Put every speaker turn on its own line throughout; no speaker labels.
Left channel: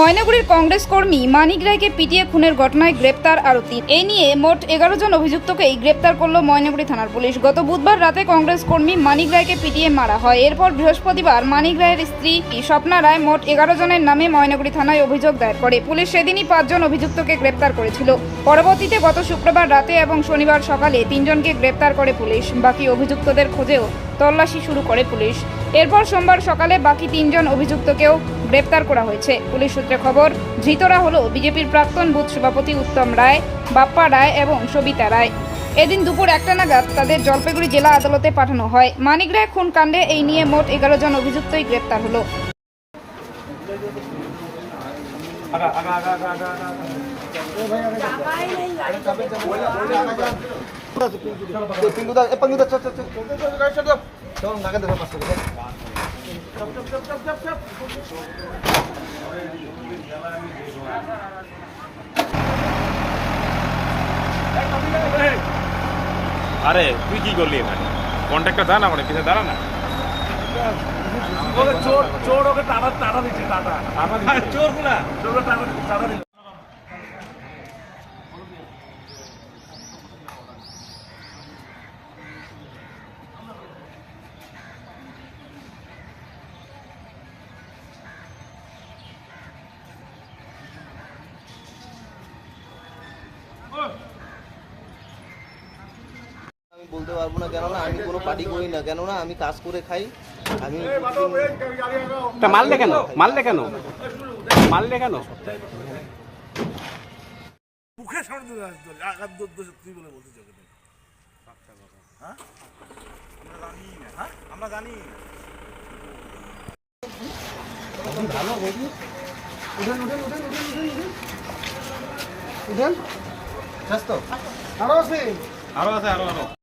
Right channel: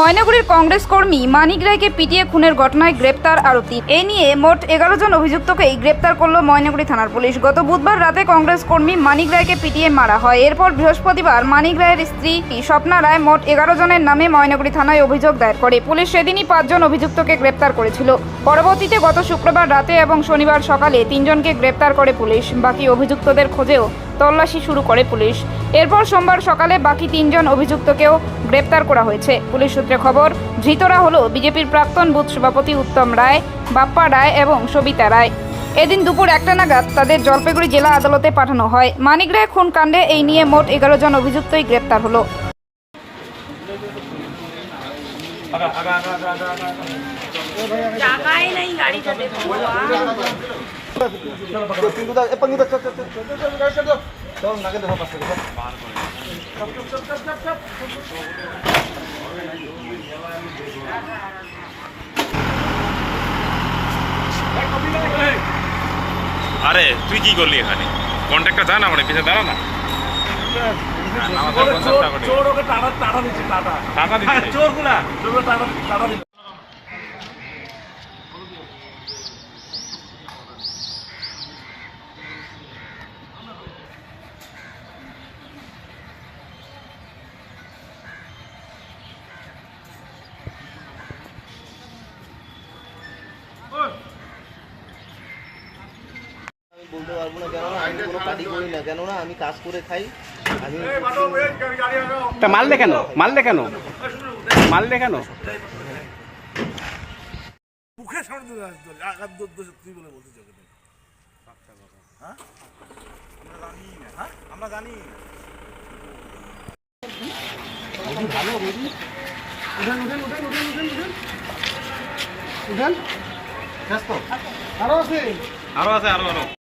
ময়নাগুড়ির কংগ্রেস কর্মী মানিক রায়কে পিটিয়ে খুনের ঘটনায় গ্রেপ্তার আরও তিন এ নিয়ে মোট এগারো জন অভিযুক্তকেই গ্রেপ্তার করল ময়নাগুড়ি থানার পুলিশ। গত বুধবার রাতে কংগ্রেস কর্মী মানিক রায়কে পিটিয়ে মারা হয়। এরপর বৃহস্পতিবার মানিক রায়ের স্ত্রী স্বপ্না রায় মোট এগারো জনের নামে ময়নাগুড়ি থানায় অভিযোগ দায়ের করে। পুলিশ সেদিনই পাঁচজন অভিযুক্তকে গ্রেপ্তার করেছিল। পরবর্তীতে গত শুক্রবার রাতে এবং শনিবার সকালে তিনজনকে গ্রেপ্তার করে পুলিশ। বাকি অভিযুক্তদের খোঁজেও তল্লাশি শুরু করে পুলিশ। এরপর সোমবার সকালে বাকি তিনজন অভিযুক্তকেও গ্রেপ্তার করা হয়েছে। পুলিশ সূত্রে খবর, ধৃতরা হলো বিজেপির প্রাক্তন বুথ সভাপতি উত্তম রায়, বাপ্পা রায় এবং সবিতা রায়। এদিন দুপুর একটা নাগাদ তাদের জলপাইগুড়ি জেলা আদালতে পাঠানো হয়। মানিক রায় খুন কাণ্ডে এই নিয়ে মোট এগারো জন অভিযুক্তই গ্রেপ্তার হলো।
pinggir eh pinggir
আরে তুই কি করলি এখানে? কন্ট্রাক্টর যা না মানে পিছনে দাঁড়া না।
চোর ওকে টাটা টাটা দিচ্ছে টাটা চোরগুলা টাটা টাটা
বলতে পারব না কেননা আমি কোনো পার্টি করি না কেননা আমি কাজ করে খাই আমি
তা মারলে কেন? মারলে কেন? মারলে কেন?
মুখে সামনে আঘাত তুই বলে বলতে চাই হ্যাঁ? আমরা জানি হ্যাঁ? আমরা জানি
আরও আছে
আরও আরও।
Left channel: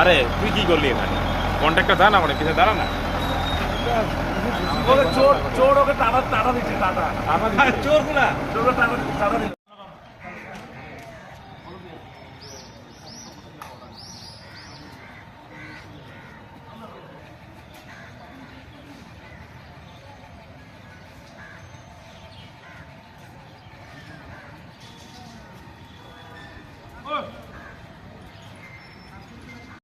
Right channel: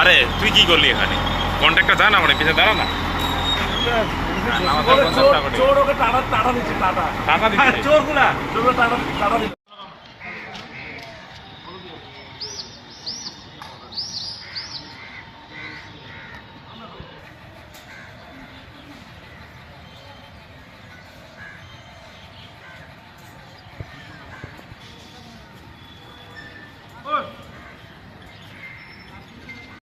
আরে তুই কি করলি এখানে? কন্ট্রাক্টর যা না মানে পিছিয়ে দাঁড়া না।
চোর ওকে টাটা টাটা দিচ্ছে টাটা চোরগুলা চোরগুলো টাটা টাটা দিচ্ছে Oh!